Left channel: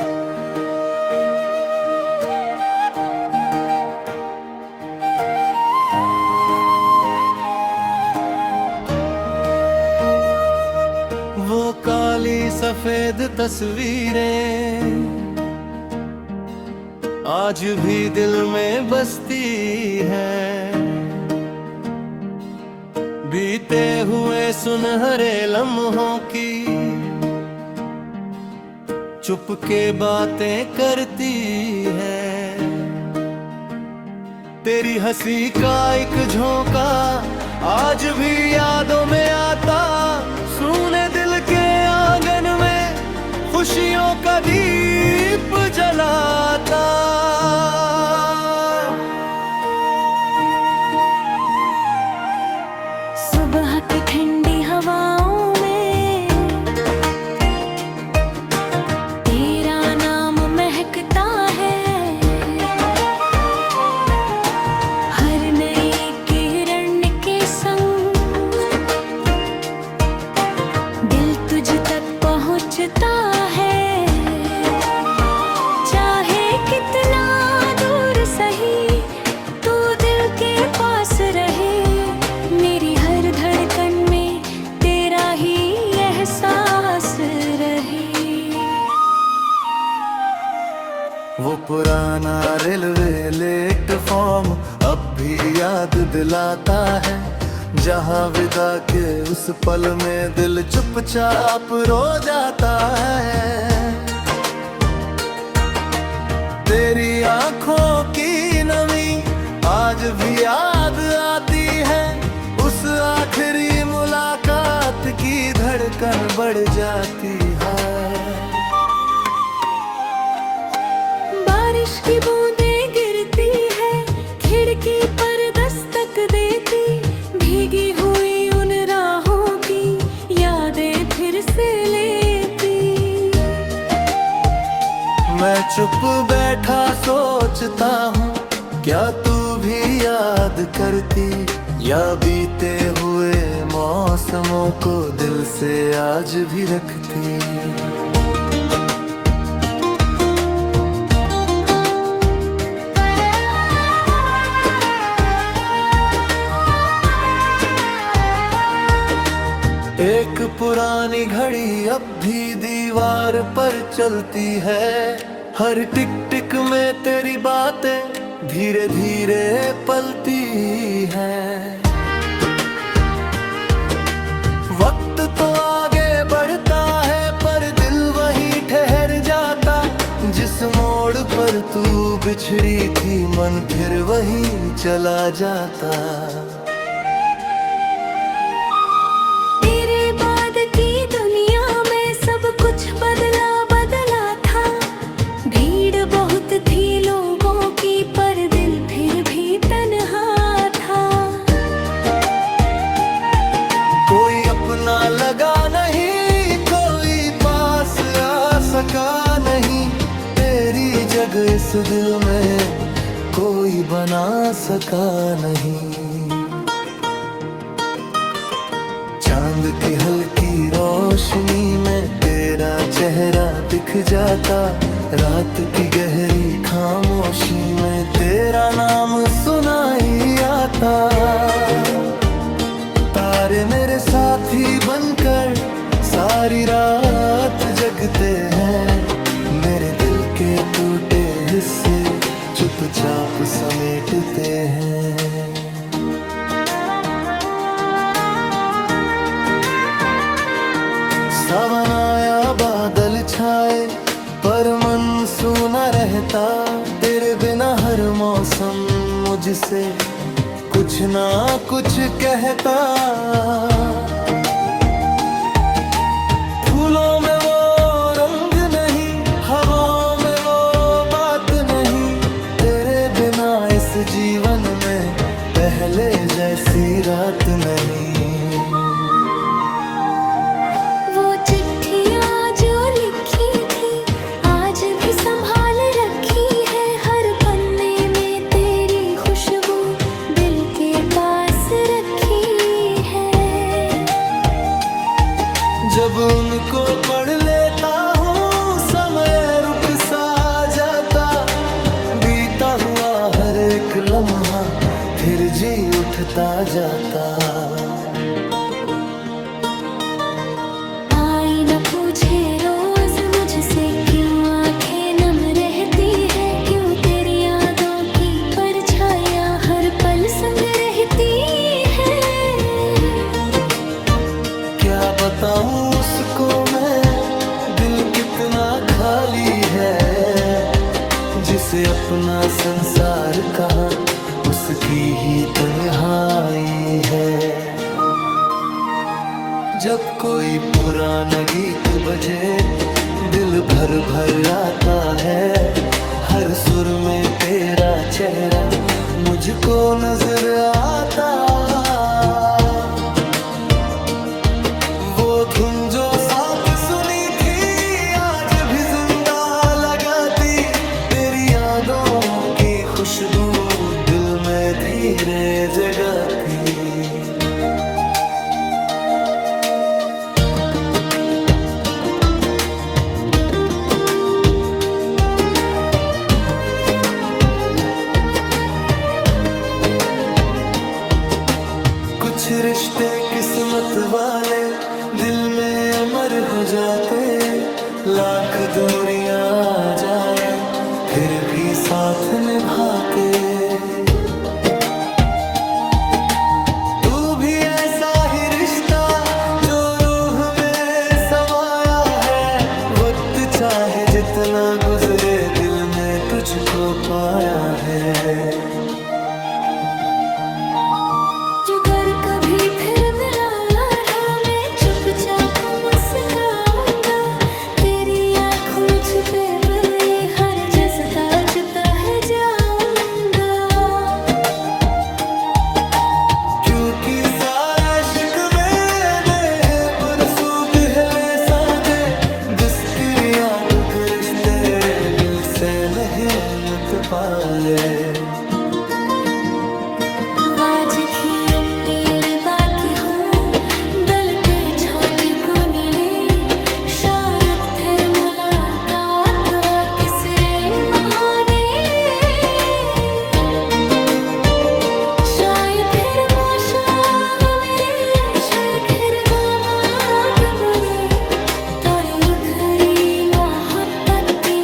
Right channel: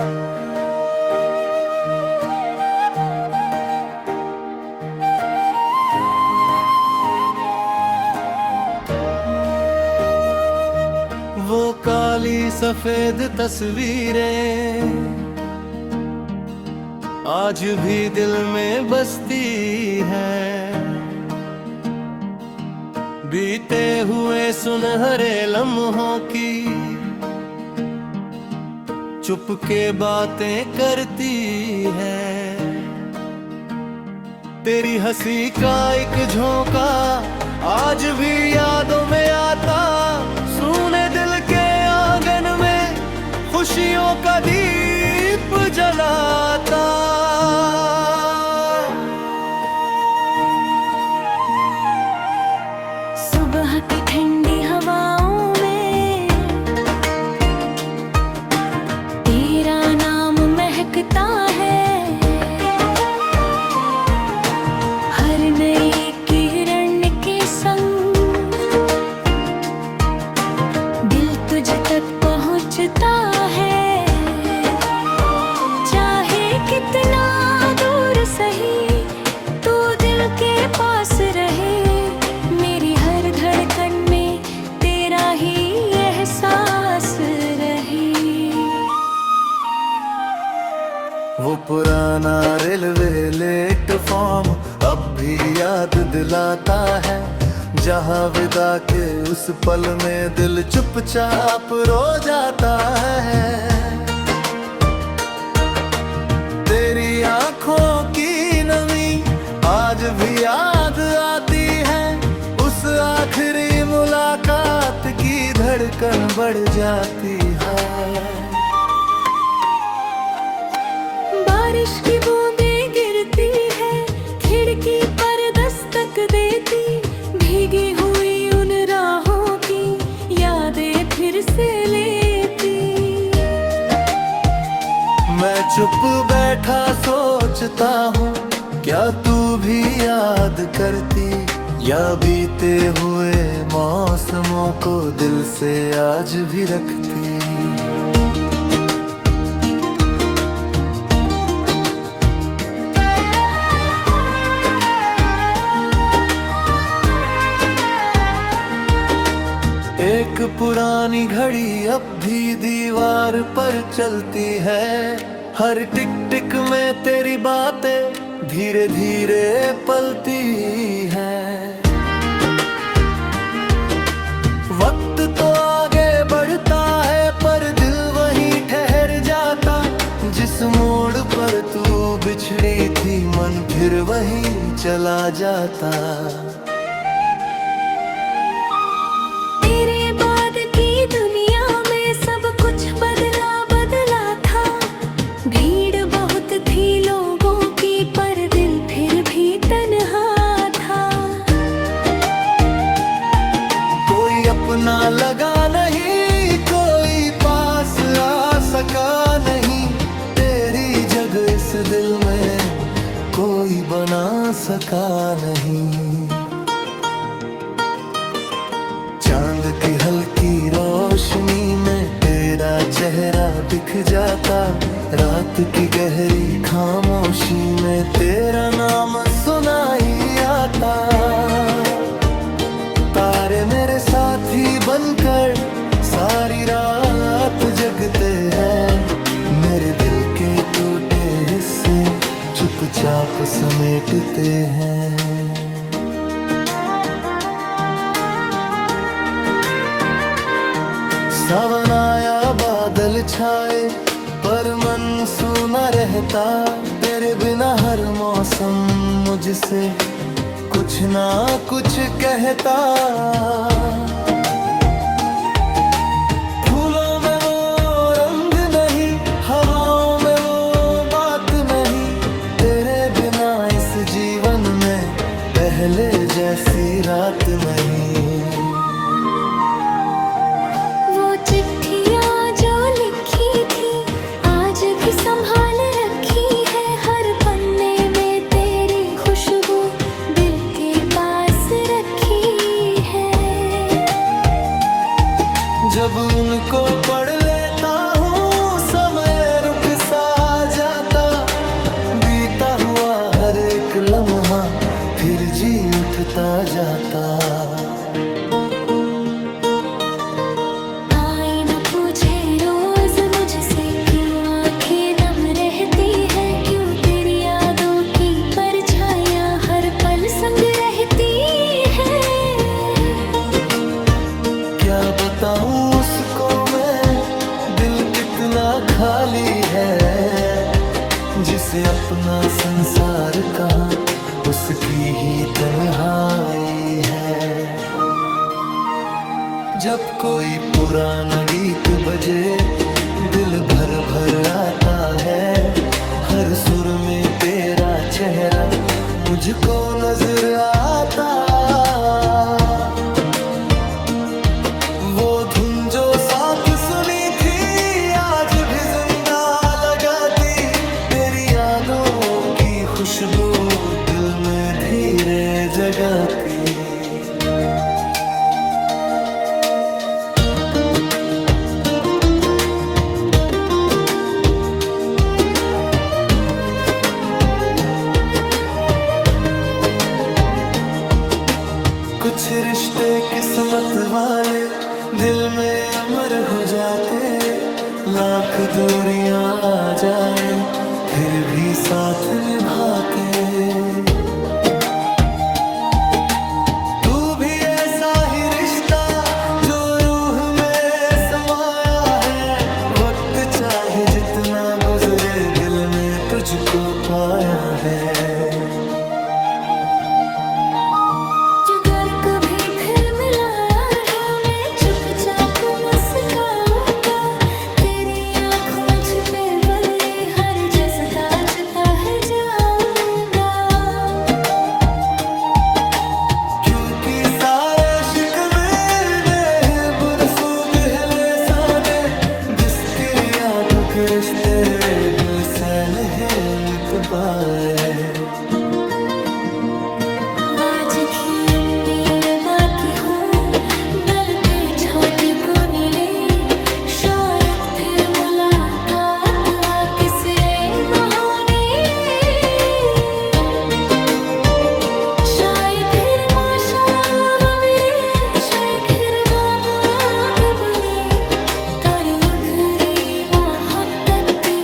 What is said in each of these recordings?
वो काली सफेद तस्वीरें आज भी दिल में बसती है। बीते हुए सुनहरे लम्हों की चुपके बातें करती है। तेरी हंसी का एक झोंका आज भी यादों में आता, सूने दिल के आंगन में खुशियों का दीप जलाता। सुबह की ठंडी हवाओं में तेरा नाम महकता है। हर नई किरण के संग दिल तुझ तक पहुंचता है। चाहे कितना दूर सही तू दिल के पास रहे, मेरी हर धड़कन में तेरा ही एहसास रहे। वो पुराना रेलवे प्लेटफॉर्म अब भी याद दिलाता है, जहाँ विदा के उस पल में दिल चुपचाप रो जाता है। तेरी आंखों की नमी आज भी याद आती है, उस आखिरी मुलाकात की धड़कन बढ़ जाती है। बारिश की बूंदें गिरती है, खिड़की पर दस्तक देती, भीगी हुई उन राहों की यादें फिर से लेती। मैं चुप बैठा सोचता हूँ, क्या तू भी याद करती, या बीते हुए मौसमों को दिल से आज भी रखती। एक पुरानी घड़ी अब भी दीवार पर चलती है, हर टिक टिक में तेरी बातें धीरे धीरे पलती है। वक्त तो आगे बढ़ता है पर दिल वहीं ठहर जाता, जिस मोड़ पर तू बिछड़ी थी मन फिर वहीं चला जाता। तेरे बाद की दुनिया में सब कुछ बदला बदला था, भीड़ बहुत थी लोगों की पर दिल फिर भी तन्हा था। कोई अपना लगा नहीं, कोई पास आ सका नहीं, तेरी जगह इस दिल में कोई बना सका नहीं। चांद की हल्की रोशनी में तेरा चेहरा दिख जाता, रात की गहरी खामोशी में तेरा नाम सुनाई आता। तारे मेरे साथी बनकर सारी रात जगते हैं, मेरे दिल के टूटे हिस्से चुपचाप समेटते हैं। सावन आया बादल छाए पर मन सूना रहता, तेरे बिना हर मौसम मुझसे कुछ ना कुछ कहता। फूलों में वो रंग नहीं, हवाओं में वो बात नहीं, तेरे बिना इस जीवन में पहले जैसी रात नहीं। वो चिट्ठियाँ जो लिखी थी आज भी संभाल रखी है, हर पन्ने में तेरी खुशबू दिल के पास रखी है। जब उनको पढ़ लेता हूँ समय रुक आता, बीता हुआ हर एक लम्हा फिर जी उठता जाता। आई न पूछे रोज मुझसे क्यों आंखें नम रहती है, क्यों तेरी यादों की परछाइयां हर पल संग रहती है। क्या बताऊं उसको मैं, दिल कितना खाली है, जिसे अपना संसार कहा उसकी ही तन्हाई है। जब कोई पुराना गीत बजे दिल भर भर आता है, हर सुर में तेरा चेहरा मुझको नजर आता। वो धुन जो साथ सुनी थी आज भी जिंदा लगाती, तेरी यादों की खुशबू दिल में धीरे जगाती। कुछ रिश्ते किस्मत वाले दिल में अमर हो जाते, लाख दूरियां आ जाए फिर भी साथ निभाते। तू भी ऐसा ही रिश्ता जो रूह में समाया है, वक्त चाहे जितना गुजरे दिल ने तुझको पाया है। अगर कभी फिर मिलाया रहा मैं चुपचाप मुस्काऊंगा, तेरी आँखों में छुपे बले हर जज्बा जता है जाऊंगा। क्योंकि सारे शिकवे ने बरसों गहले साधे, बिस्तर या गुगरिश तेरे दिल से नहीं लिट पाए। आज की उम्र बाकी हो दिल के छोटे कोने रे, शायद फिर मुलाकात आ किसरे महाने, शायद फिर माशाव मेरे, शायद फिर बाबात बने, तोरे उघरी मोहब्बत की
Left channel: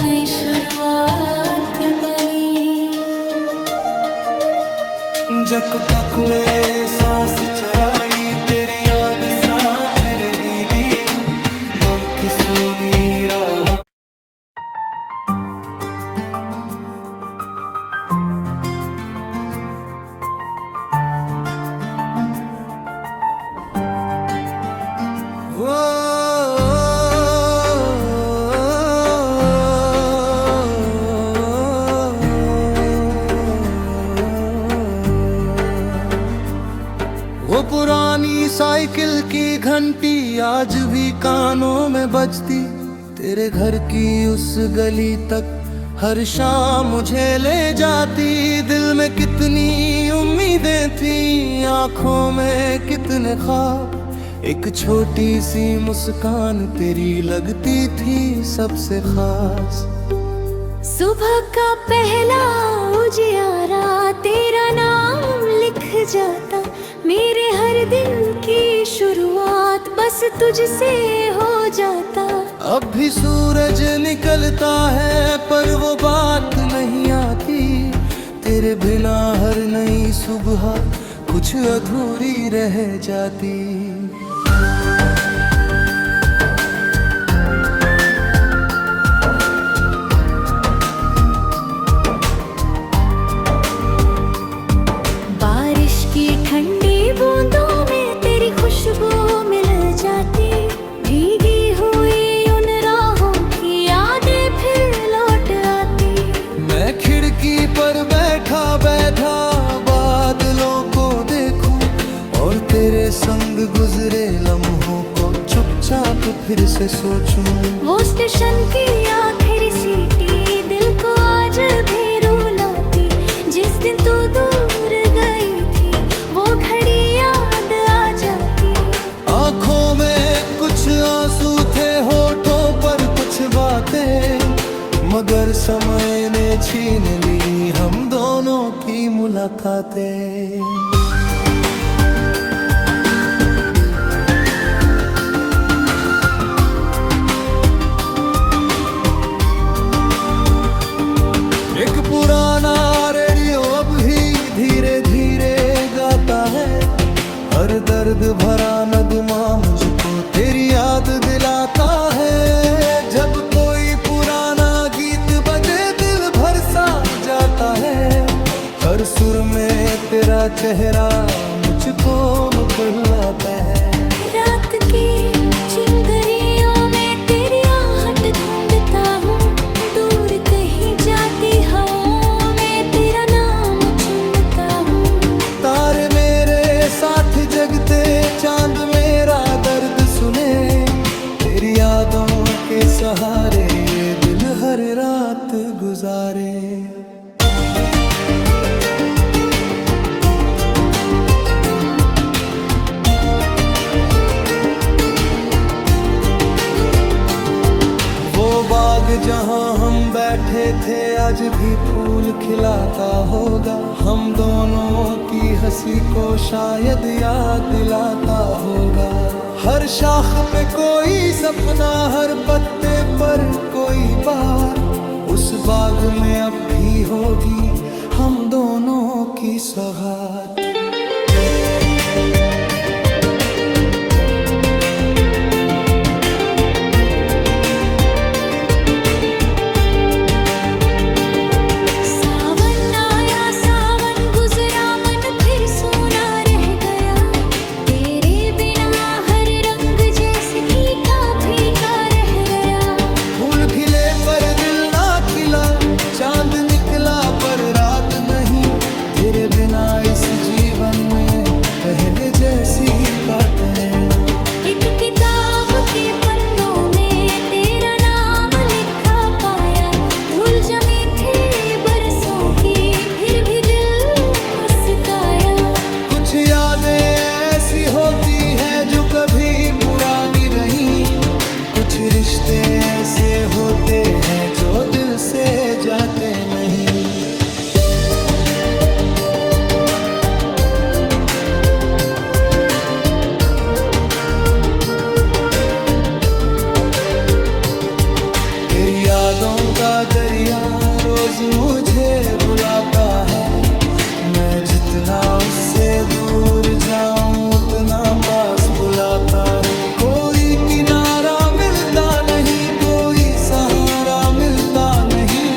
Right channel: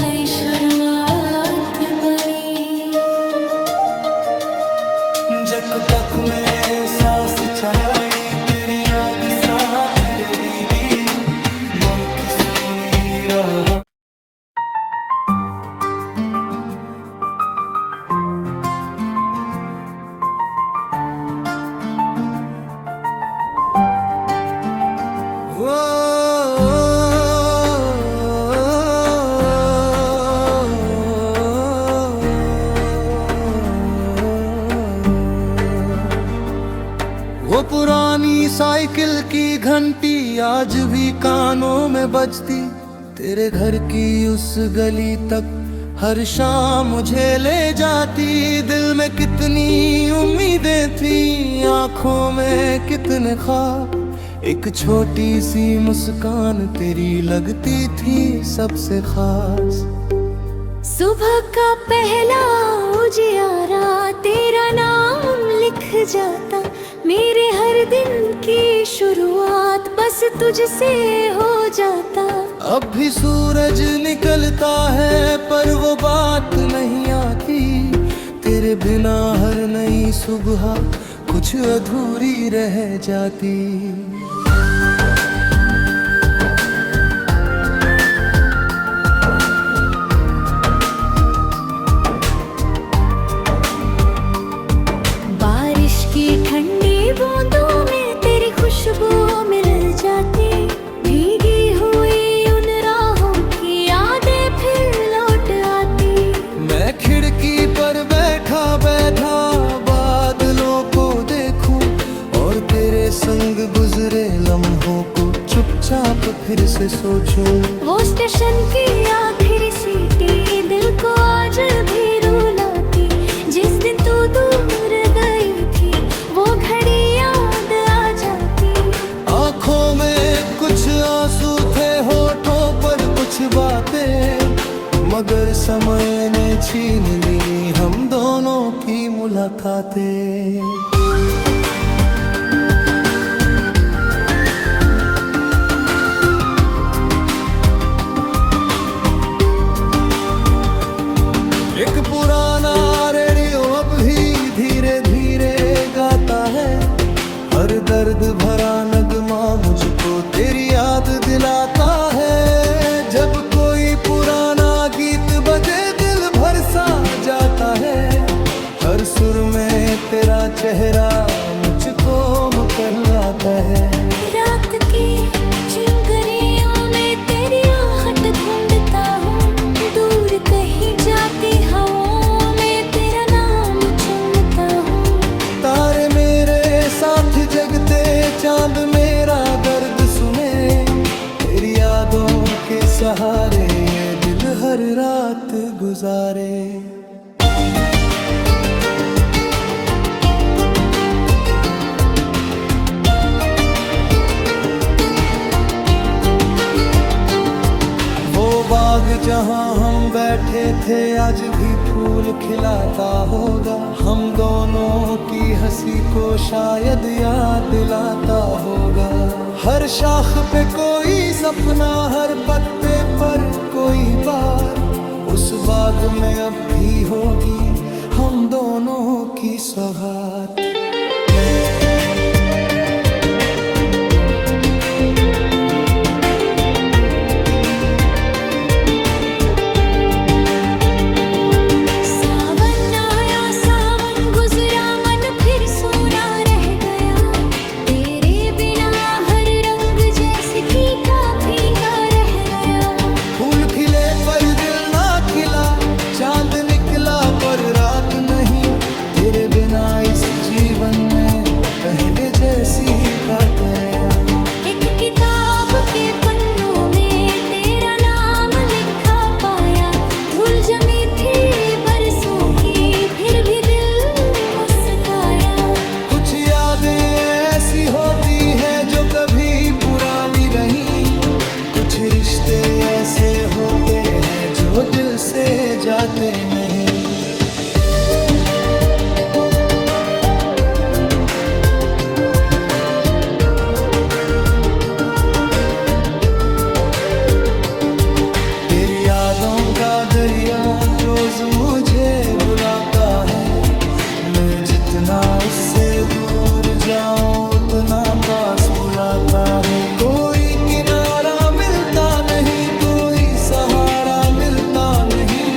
नई शुरुआत बनी। जक तक में सांस चराई तेरी याद साथ रे दीदी, मन की सुनी राह। वो पुरानी साइकिल की घंटी आज भी कानों में बजती, तेरे घर की उस गली तक हर शाम मुझे ले जाती। दिल में कितनी उम्मीदें थी, आंखों में कितने ख्वाब, एक छोटी सी मुस्कान तेरी लगती थी सबसे खास। सुबह का पहला उजियारा तेरा नाम लिख जाता, मेरे हर दिन की शुरुआत बस तुझसे हो जाता। अब भी सूरज निकलता है पर वो बात नहीं आती, तेरे बिना हर नई सुबह कुछ अधूरी रह जाती। बारिश की ठंडी बूंदों में तेरी खुशबू मिल जाती, भीगी हुई उन राहों की यादें फिर लौट आती। मैं खिड़की पर बैठा बैठा बादलों को देखूं, और तेरे संग गुजरे लम्हों को चुपचाप फिर से सोचूं। वो स्टेशन की आखिरी सीटी दिल को आज भी रुलाती, जिस दिन तू दूर गई थी वो घड़ी याद आ जाती। आँखों में कुछ आंसू थे, होठों पर कुछ बातें, मगर समय ने छीन ली हम दोनों की मुलाकातें। एक पुराना रेडियो अब भी धीरे धीरे गाता है, हर दर्द भरा नगमा मुझको तेरी याद दिलाता है। जब कोई पुराना गीत बजे दिल भर सा जाता है, हर सुर में तेरा चेहरा मुझको मुस्कुराता है। रात की चिंगारियों में तेरी आहट ढूंढता हूँ, दूर कहीं जाती हवाओं में तेरा नाम चुनता हूँ। तारे मेरे साथ जगते, चांद मेरा दर्द सुने, तेरी यादों के सहारे ये दिल हर रात गुजारे। वो बाग जहाँ हम बैठे थे आज भी फूल खिलाता होगा, हम दोनों की हंसी को शायद याद दिलाता होगा। हर शाख पे कोई सपना, हर पत्ते पर कोई बात, उस बाग में अब भी होगी हम दोनों की सौगात। खिले पर दिल ना खिला, चांद निकला पर रात नहीं, तेरे बिना इस जीवन में पहले जैसी बात नहीं। एक किताब के पन्नों में तेरा नाम लिखा पाया, धूल जमी थी बरसों की फिर भी दिल मुस्काया। कुछ यादें ऐसी होती हैं जो कभी पुरानी रही, कुछ रिश्ते ऐसे होते हैं जो दिल से जाते नहीं। तेरी यादों का दरिया रोज मुझे बुलाता है, मैं जितना उससे दूर जाऊं उतना पास बुलाता है। कोई किनारा मिलता नहीं, कोई सहारा मिलता नहीं,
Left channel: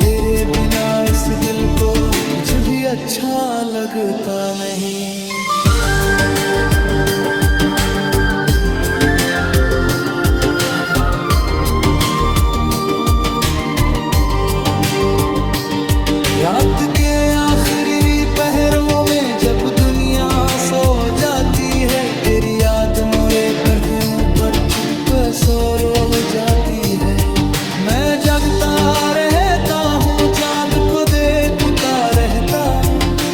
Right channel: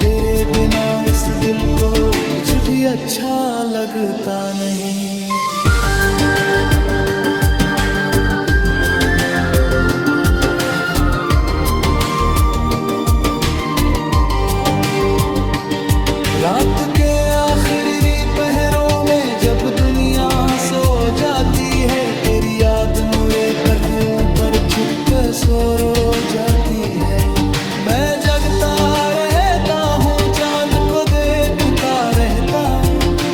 तेरे बिना इस दिल को कुछ भी अच्छा लगता नहीं। रात के आखिरी पहरों में जब दुनिया सो जाती है, तेरी याद मोरे पलकों पर चुप सो रो जाती है। मैं जगता रहता हूँ, चांद को देखता रहता,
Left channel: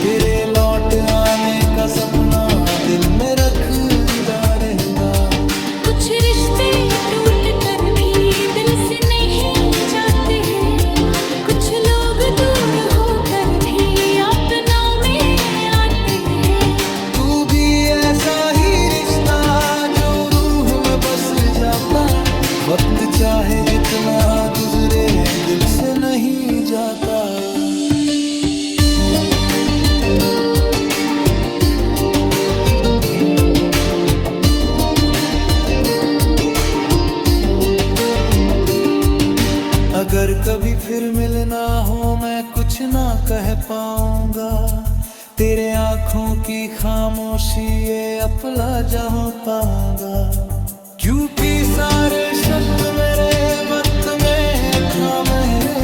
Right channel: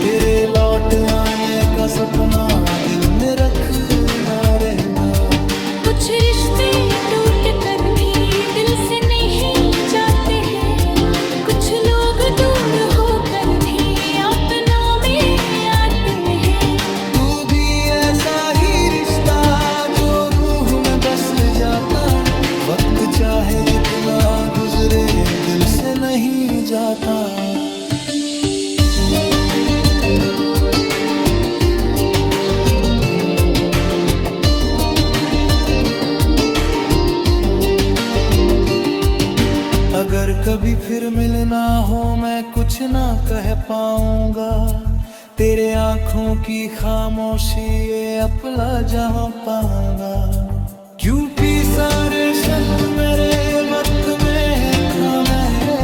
तेरे लौट आने का सपना दिल में रखता रहता। कुछ रिश्ते टूट कर भी दिल से नहीं जाते हैं, कुछ लोग दूर होकर भी अपनों में आते हैं। तू भी ऐसा ही रिश्ता जो रूह में बस जाता, वक्त चाहे जितना गुजरे दिल से नहीं जाता। अगर कभी फिर मिलना हो मैं कुछ ना कह पाऊंगा, तेरे आंखों की खामोशी ये अपना जहां पाऊंगा। क्योंकि सारे शब्द मेरे वक्त में है खामहरे,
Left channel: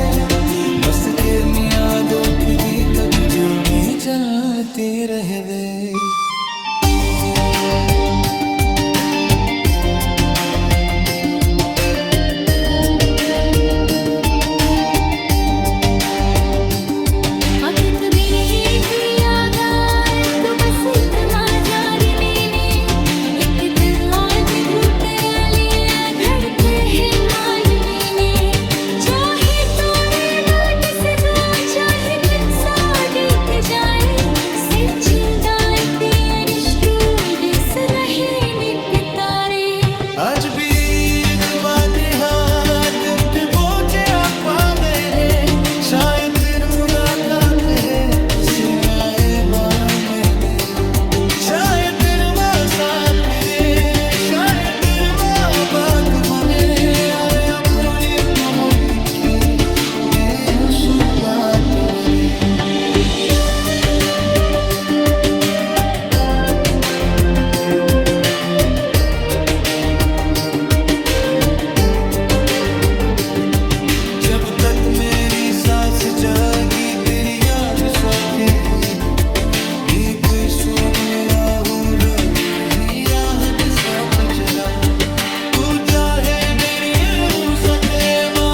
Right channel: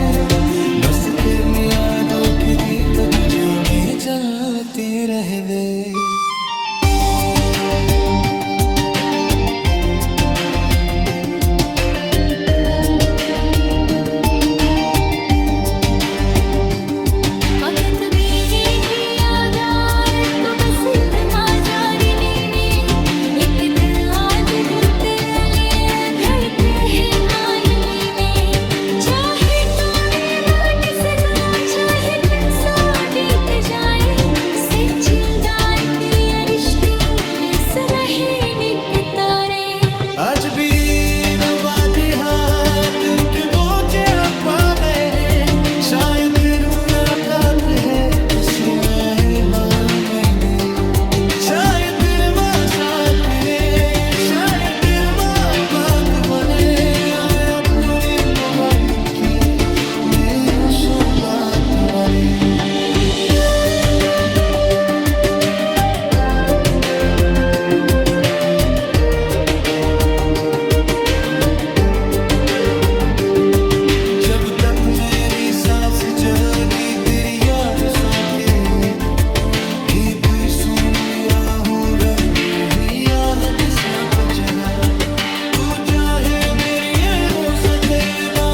बस तेरी यादों के दीपक जो में जलते रहवे। वक्त भी किया गार तो बस इतना जाने में, एक दिल आज भी तेरे लिए धड़कते हैं मानने में। चाहे तो नात बने। जब तक मेरी सांस जागी तेरी याद सौतेली, गीत सुनिया हूँ रगी आहट सा पचरा, तू चाहे मेरी ये वो सके माँ।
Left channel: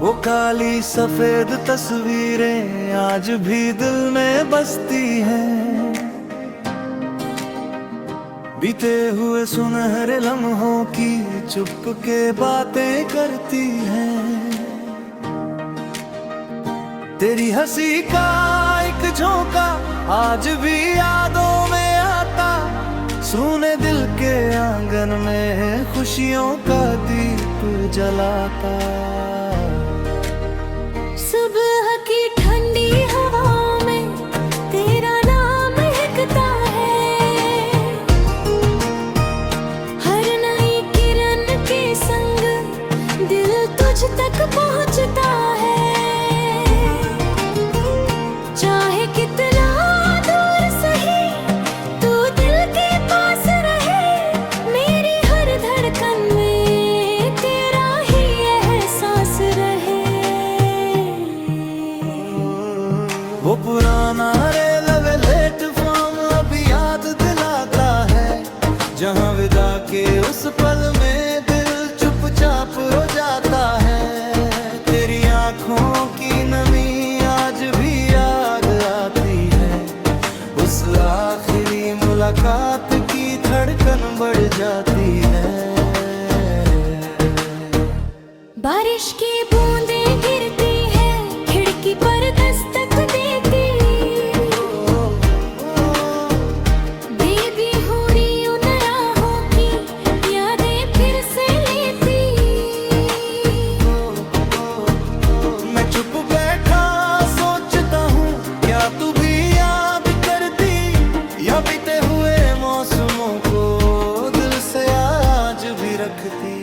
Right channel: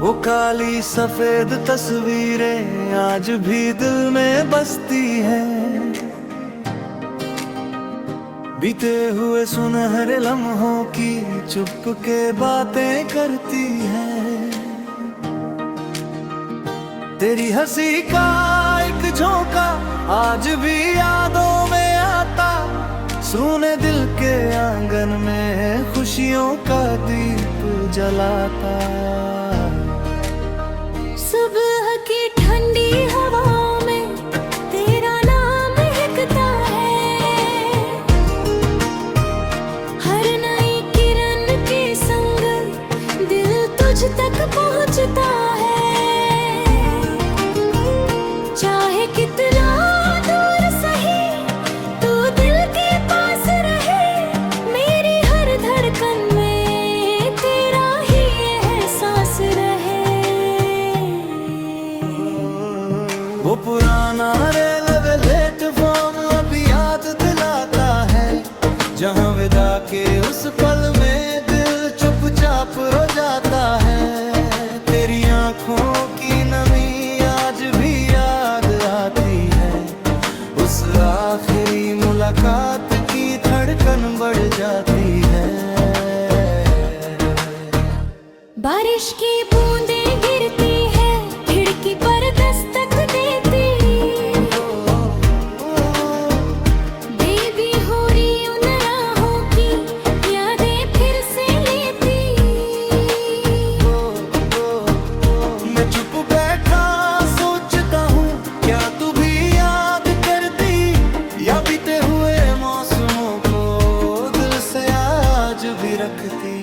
वो काली सफेद तस्वीरें आज भी दिल में बसती हैं, बीते हुए सुनहरे लम्हों की चुपके बातें करती हैं। तेरी हंसी का एक झोंका आज भी यादों में आता, सूने दिल के आंगन में खुशियों का दीप जलाता। सुबह की ठंडी हवाओं में तेरा नाम महकता है, हर नई किरण के संग दिल तुझ तक पहुंचता है। चाहे कितना दूर सही तू दिल के पास रहे, मेरी हर धड़कन में तेरा ही एहसास रहे। वो पुराना रेलवे प्लेटफॉर्म अब याद दिलाता है, जहाँ विदा के उस पल में दिल चुपचाप रो जाता है। तेरी आंखों की नमी आज भी याद आती है, उस आखिरी मुलाकात की धड़कन बढ़ जाती है। बारिश की बूंदें गिरती है, खिड़की पर दस्तक देती, बेबी हो रही उन राहों की यादें फिर से लेती। मैं चुप बैठा सोचता हूँ क्या तू भी याद करती, या बीते हुए मौसमों को दिल से आज भी रखती।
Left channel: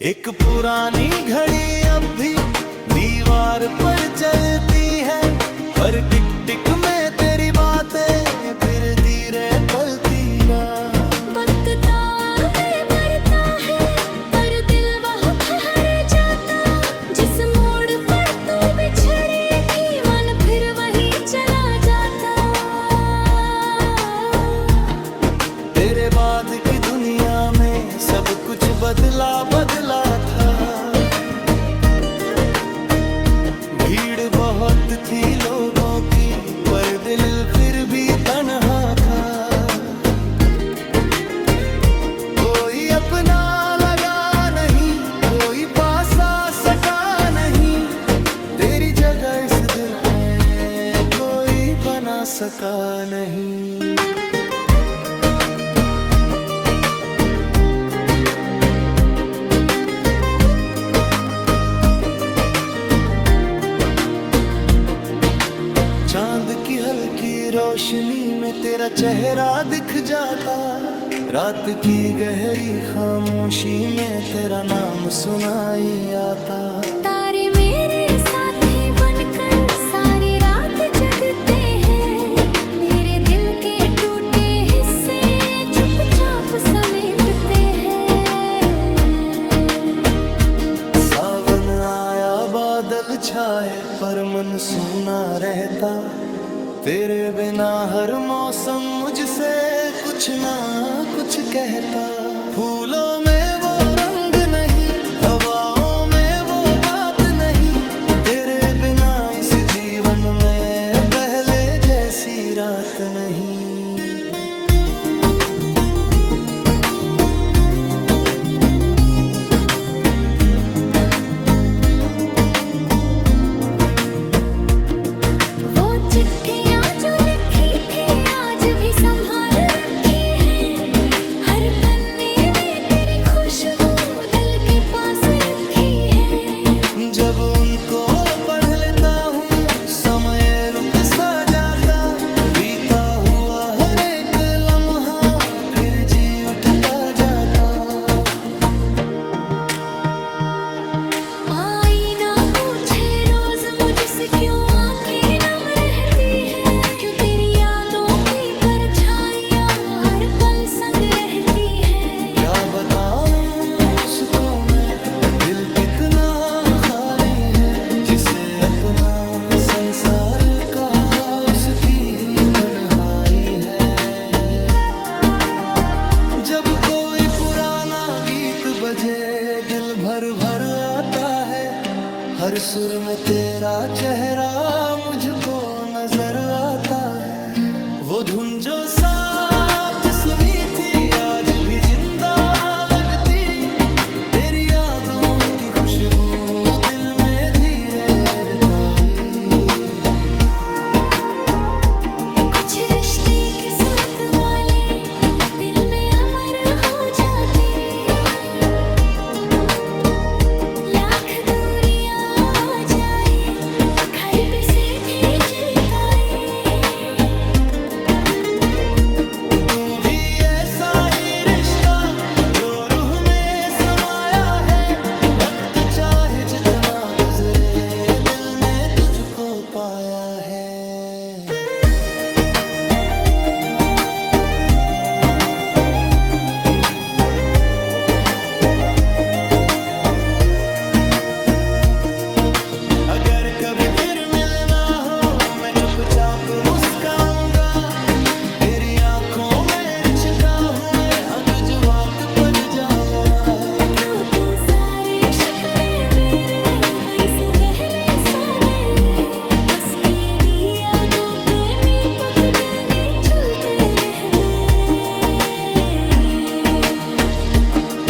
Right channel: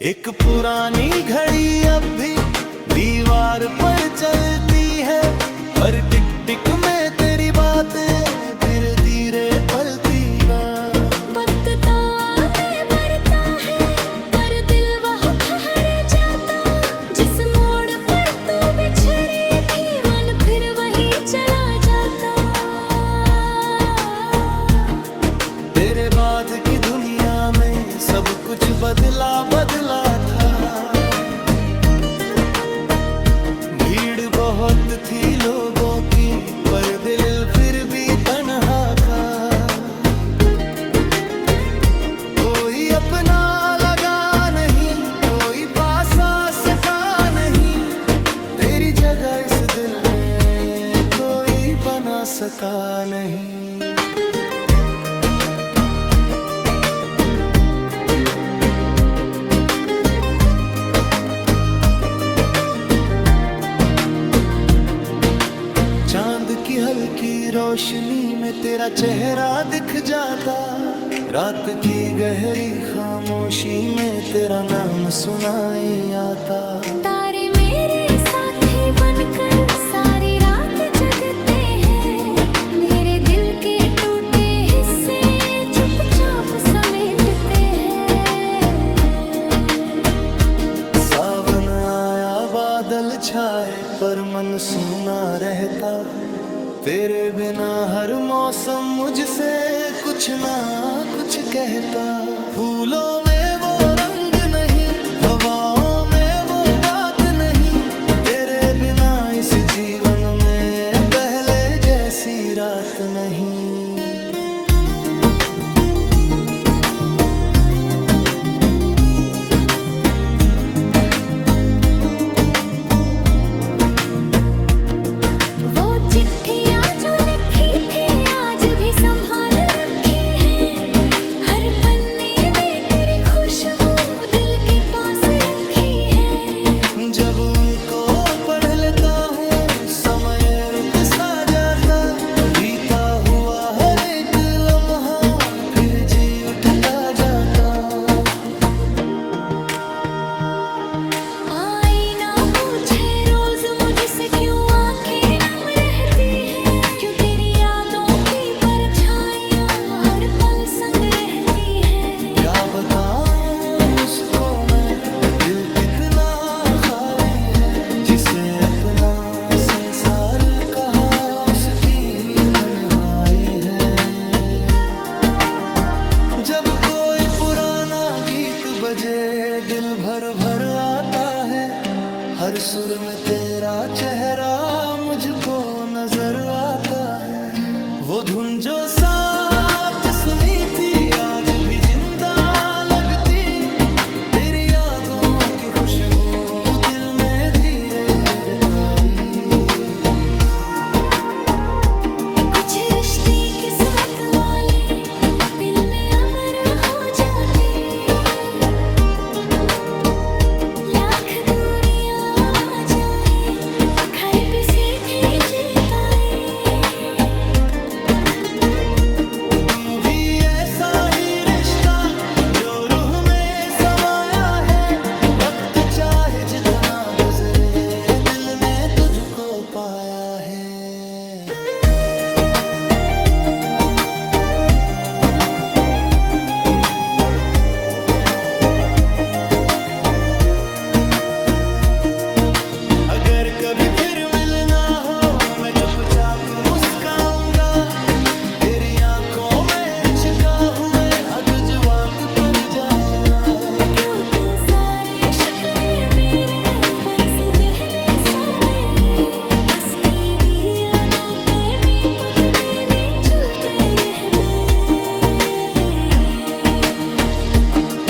एक पुरानी घड़ी अब भी दीवार पर चलती है, हर टिक टिक में तेरी बातें फिर धीरे पलती ना। बदता में बढ़ता है पर दिल वहाँ ठहर जाता, जिस मोड़ पर तू बिछड़ी थी मन फिर वहीं चला जाता। तेरे बाद की दुनिया में सब कुछ बदला बदला था, भीड़ बहुत थी लोगों की पर दिल फिर भी तन्हा था। कोई अपना लगा नहीं, कोई पास आ सका नहीं, तेरी जगह इस दिल में कोई बना सका नहीं। चांद की हल्की रोशनी में तेरा चेहरा दिख जाता, रात की गहरी खामोशी में तेरा नाम सुनाई आता। तारे मेरे साथी बनकर सारी रात जगते हैं, मेरे दिल के टूटे हिस्से चुपचाप समेटते हैं। सावन आया बादल छाए पर मन सूना रहता, तेरे बिना हर मौसम मुझसे कुछ ना कुछ कहता। फूलों में वो रंग नहीं, हवाओं बात नहीं। वो चिट्ठियाँ जो लिखी थी आज भी संभाल रखी है, हर पन्ने में तेरी खुशबू दिल के पास रखी है। जब उनको पढ़ लेता हूँ समय रुक सा जाता, बीता हुआ हर एक लम्हा फिर जी उठता जाता। आईना पूछे रोज मुझसे क्यों आंखें नम रहती है, क्यों तेरी यादों की परछाइयाँ हर पल संग रहती है। क्या बताऊँ उसको मैं, दिल कितना खाली है, जिसे अपना संसार कहा उसकी ही तन्हाई है। जब कोई पुराना गीत बजे दिल भर भर आता है, हर सुर में तेरा चेहरा मुझको नजर आता है। वो धुन जो साथ सुनी थी आज भी जिंदा लगती, तेरी यादों की खुशबू दिल में धीरे रताई। कुछ रिश्ते किस्मत वाले दिल में अमर हो जाते, लाख दूरियां आ जाए खर्ब से खींच पाए। तू भी ऐसा ही रिश्ता जो रूह में समाया है, वक्त चाहे जितना गुजरे दिल ने तुझको पाया है। अगर कभी फिर मिलना हो मैं चुपचाप मुस्काऊंगा, तेरी आंखों में छिपा हुए अग जवाब पर जाऊंगा। क्यों तू सारे शुक्रे मेरे बरस दहले सादे, उसकी यादों पे मी पक बेनी चलते रह बे।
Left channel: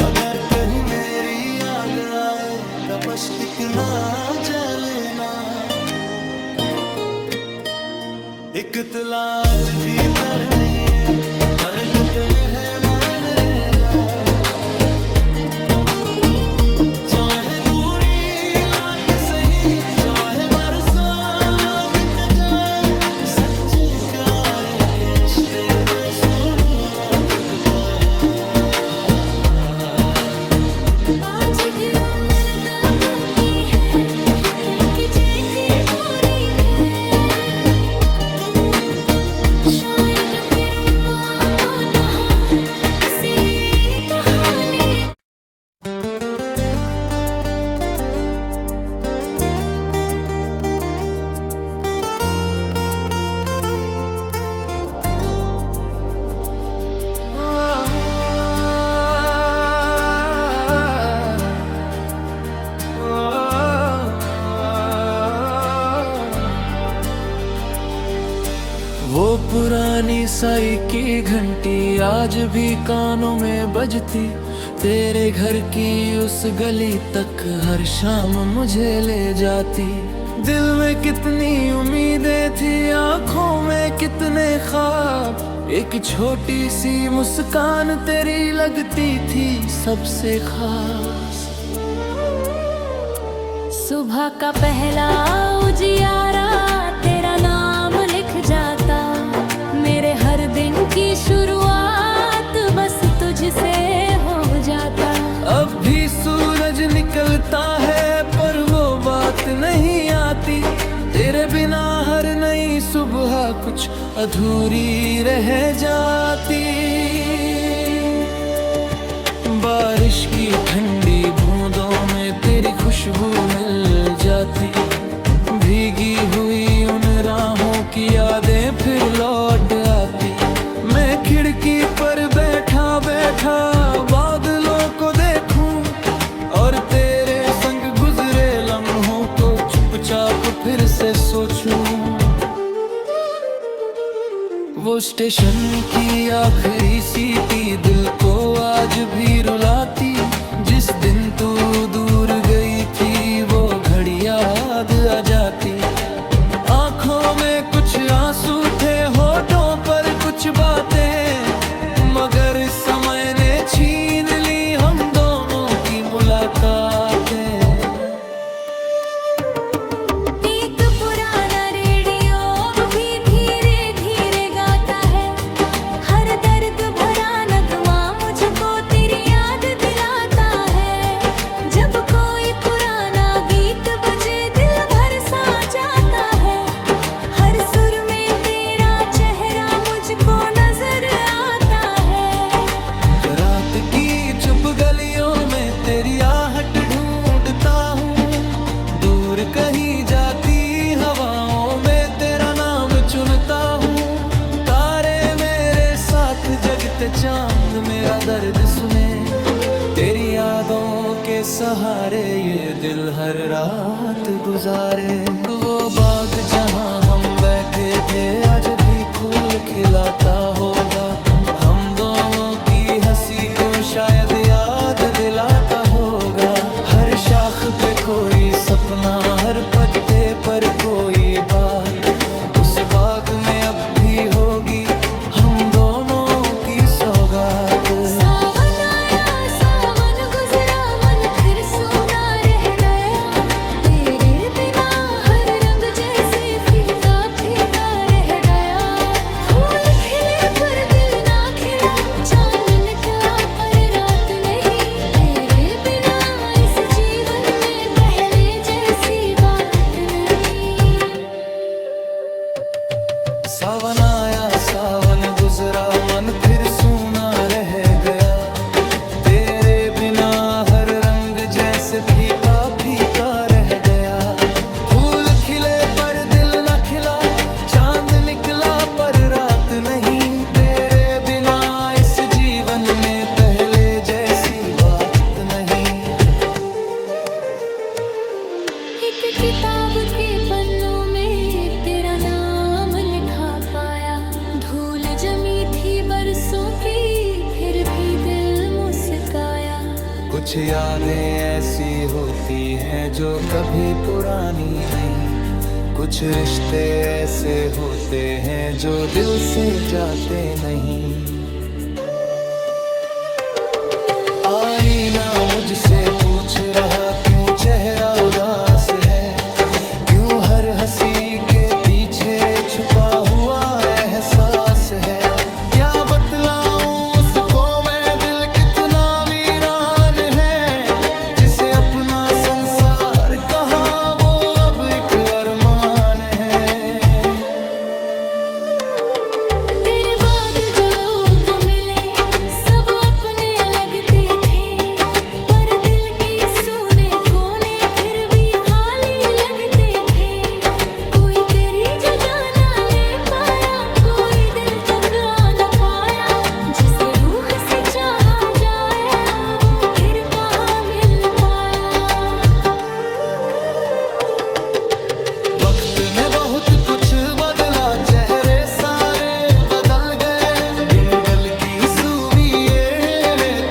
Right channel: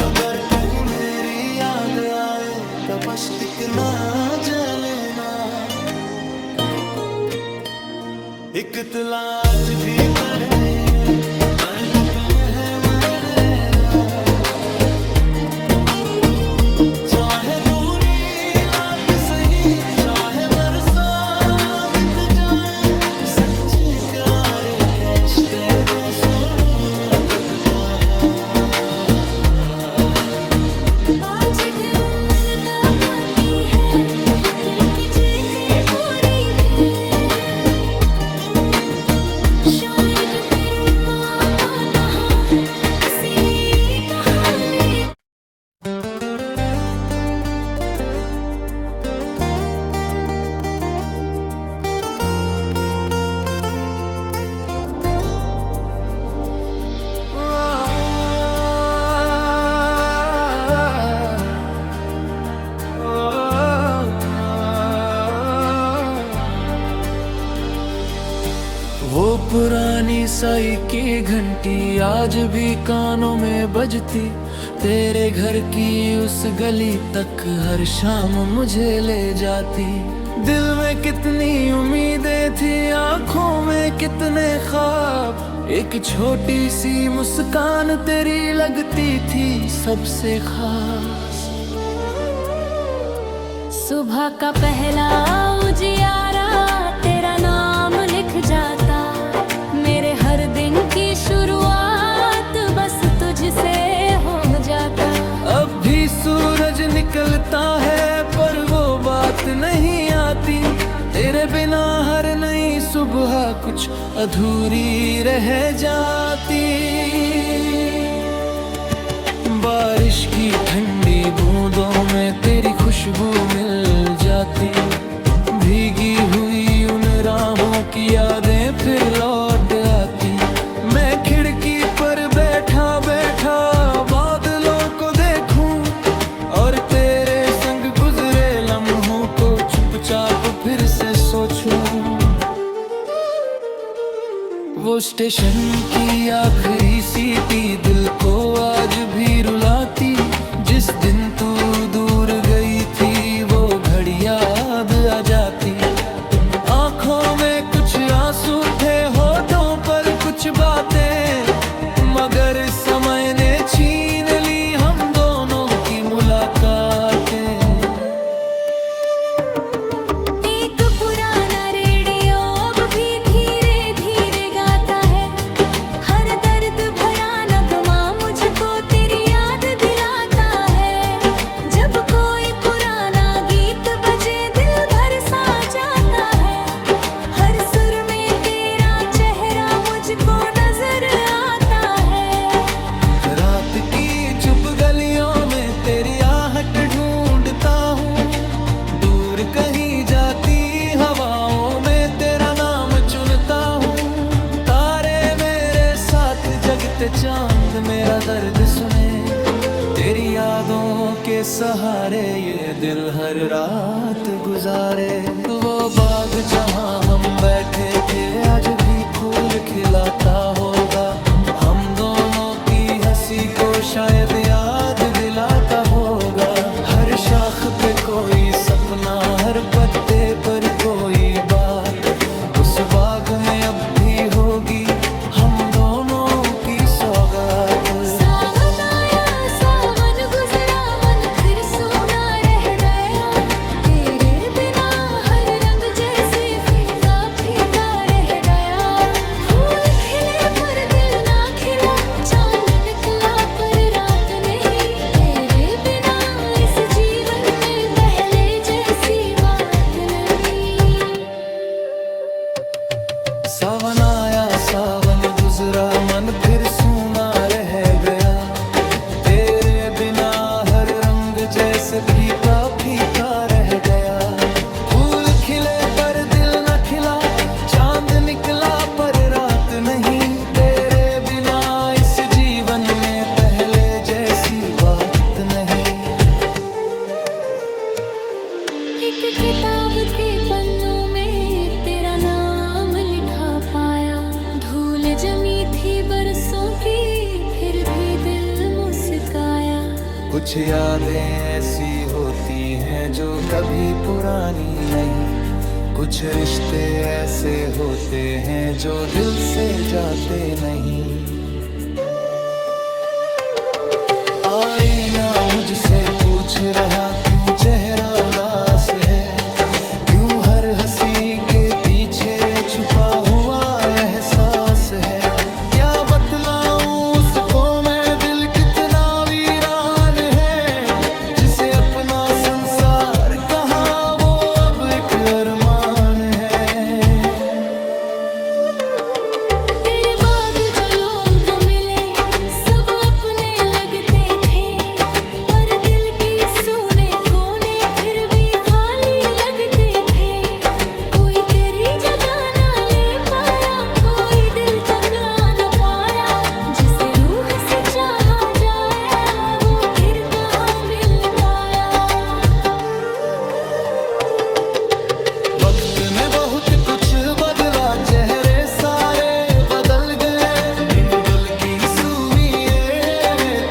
अगर कहीं मेरी याद आए तब बस टिकना जलेना, एक तलाश भीतर में है करते हैं मन लेला। चाहे दूरी लात सही चाहे बरसा बीत जाए, सच्चे प्यार कैसे सुनो लगता है। आज दिल मिलता पाती है दिल की जेती कोरी थे, शायद फिर माँ पाता हूँ किसी कहानी। वो पुरानी साई की घंटी आज भी कानों में बजती, तेरे घर की उस गली तक हर शाम मुझे ले जाती। दिल में कितनी उम्मीदें थी आंखों में कितने ख्वाब, एक छोटी सी मुस्कान तेरी लगती थी सबसे खास। सुबह का पहला उजियारा तेरा नाम लिख जाता, मेरे हर दिन की शुरुआत बस तुझसे हो जाता। अब भी सूरज निकलता है पर वो बात नहीं आती, तेरे बिना हर नई सुबह कुछ अधूरी रह जाती। बारिश की ठंडी बूंदों में तेरी खुशबू मिल जाती, भीगी हुई उन राहों की यादें फिर लौट आती। मैं खिड़की पर बैठा बैठा बादलों को देखूं और तेरे संग गुजरे लम्हों को चुपचाप फिर से सोचूं। वो स्टेशन की आखिरी सीटी दिल को आज भी रुलाती। जिस दिन तू दूर गई थी वो घड़ी याद आ जाती। आंखों में कुछ आंसू थे, होठों पर कुछ बातें, मगर समय ने छीन ली हम दोनों की मुलाकातें। एक पुराना रेडियो अब भी धीरे धीरे गाता है, हर दर्द भरा नगमा मुझको तेरी याद दिलाता है। जब कोई पुराना गीत बजे दिल भर सा जाता है, हर सुर में तेरा चेहरा मुझको नजर आता है। रात की चुप गलियों में तेरी आहट ढूंढता हूँ, दूर कहीं जाती हवाओं में तेरा नाम चुनता हूँ। तारे मेरे साथ जगते चांद मेरा दर्द सुने, तेरी यादों के सहारे ये दिल हर रात गुजारे। वो बाग जहाँ हम बैठे थे आज भी फूल खिलाता होगा, हम दोनों की हंसी को शायद याद दिलाता होगा। हर शाख पे कोई सपना, हर पत्ते पर कोई बात, उस बाग में अब भी होगी हम दोनों की सौगात। सावन आया सावन गुजरा मन फिर सूना रह गया, तेरे बिना हर रंग जैसे फीका फीका रह गया। फूल खिले पर दिल ना खिला, चांद निकला पर रात नहीं, तेरे बिना इस जीवन में पहले जैसी बात नहीं। सावन आया सावन गुजरा मन फिर सूना रह गया, तेरे बिना हर रंग जैसे फीका फीका रह गया। फूल खिले पर दिल न खिला, चांद निकला पर रात नहीं, तेरे बिना इस जीवन में पहले जैसी बात नहीं। एक किताब के पन्नों में तेरा नाम लिखा पाया, धूल जमी थी बरसों की फिर भी दिल मुस्काया। कुछ यादें ऐसी होती हैं जो कभी पुरानी नहीं, कुछ रिश्ते ऐसे होते हैं जो दिल से जाते नहीं। आईना मुझसे पूछ रहा क्यों चेहरा उदास है, क्यों हर हंसी के पीछे छुपा हुआ एहसास है। क्या बतलाऊं उसको मैं दिल कितना वीरान है, जिसे अपना संसार कहा वो अब एक अरमान है। तेरे बाद जो लोग मिले सब अपने लगते थे, पर दिल की सूने कोने फिर भी खाली लगते थे। कोई तेरी जगह ना ले पाया, कोई दिल तक आ ना पाया, जिसे रूह से चाहा जाया वो फिर कहाँ मिल पाया। वक्त ने बहुत कुछ बदला, चेहरे सारे बदल गए, दिन बल की सुनिए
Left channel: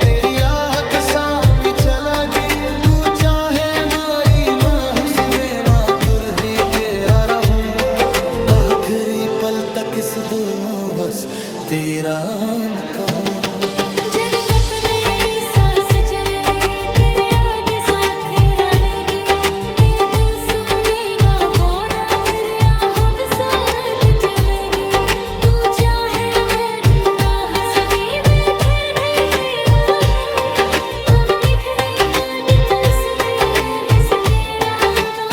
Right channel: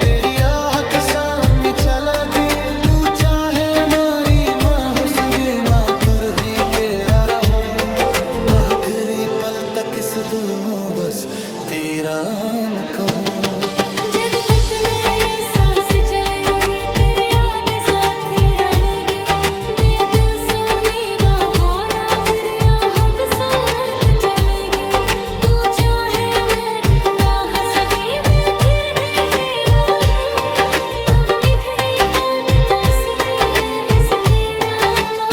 तेरी आह के सामने चला गे। तू चाहे मारी माँ हुस्बे माँ तुरही तेरा रहूं, आखिरी पल तक इस दिल में बस तेरा न कहूं। जब तक मैंने सांस चलेगी तेरी याद साथ रहेगी, बेदिल सुनेगा वो ना फिर आहत सूरत चलेगी। तू चाहे मैं ना हंस भी फिर भी तेरा रहूं, हम निभे बात कस दे मैं बस तेरा ना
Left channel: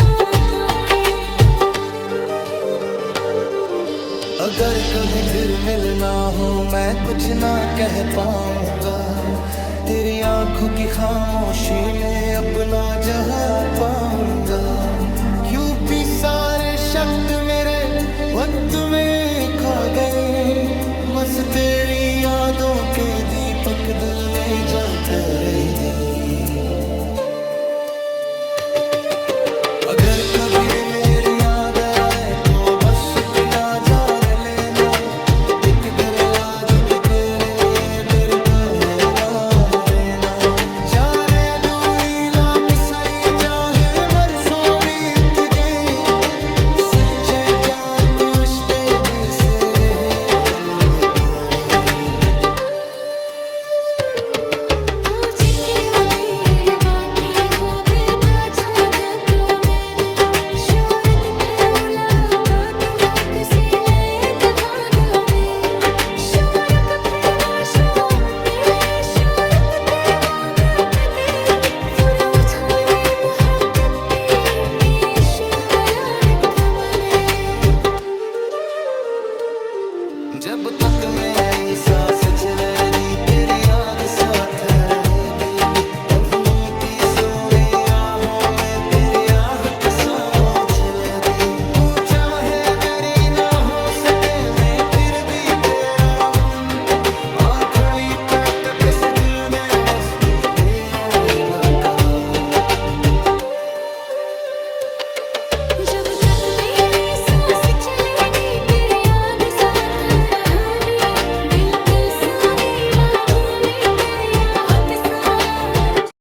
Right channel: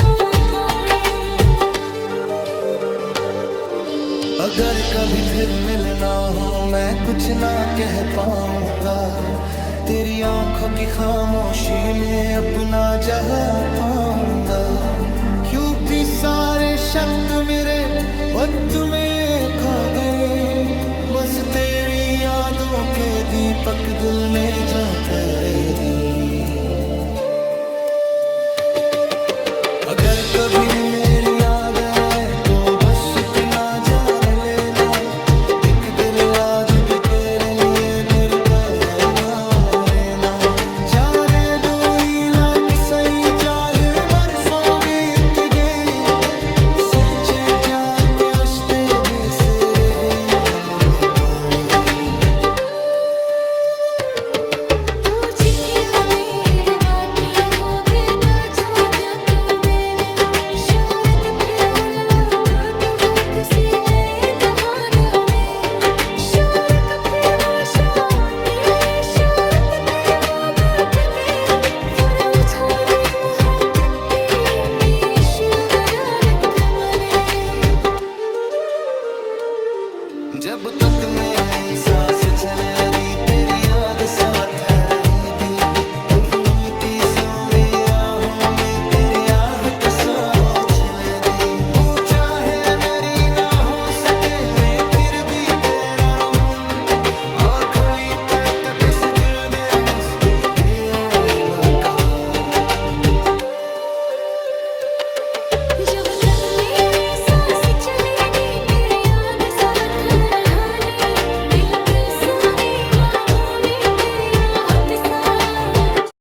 कहूं। अगर कभी फिर मिलना हो मैं कुछ ना कह पाऊंगा, तेरी आंखों की खामोशी में अपना जहाँ पाऊंगा। क्यों भी सारे शब्द मेरे वक्त में खा गए, बस तेरी यादों के दीपक दिल ने जलते रह दिए। अगर कभी मेरी याद आए तो बस एक नजार लेना, एक एक दिल लाज तेरे लिए गिरता है ना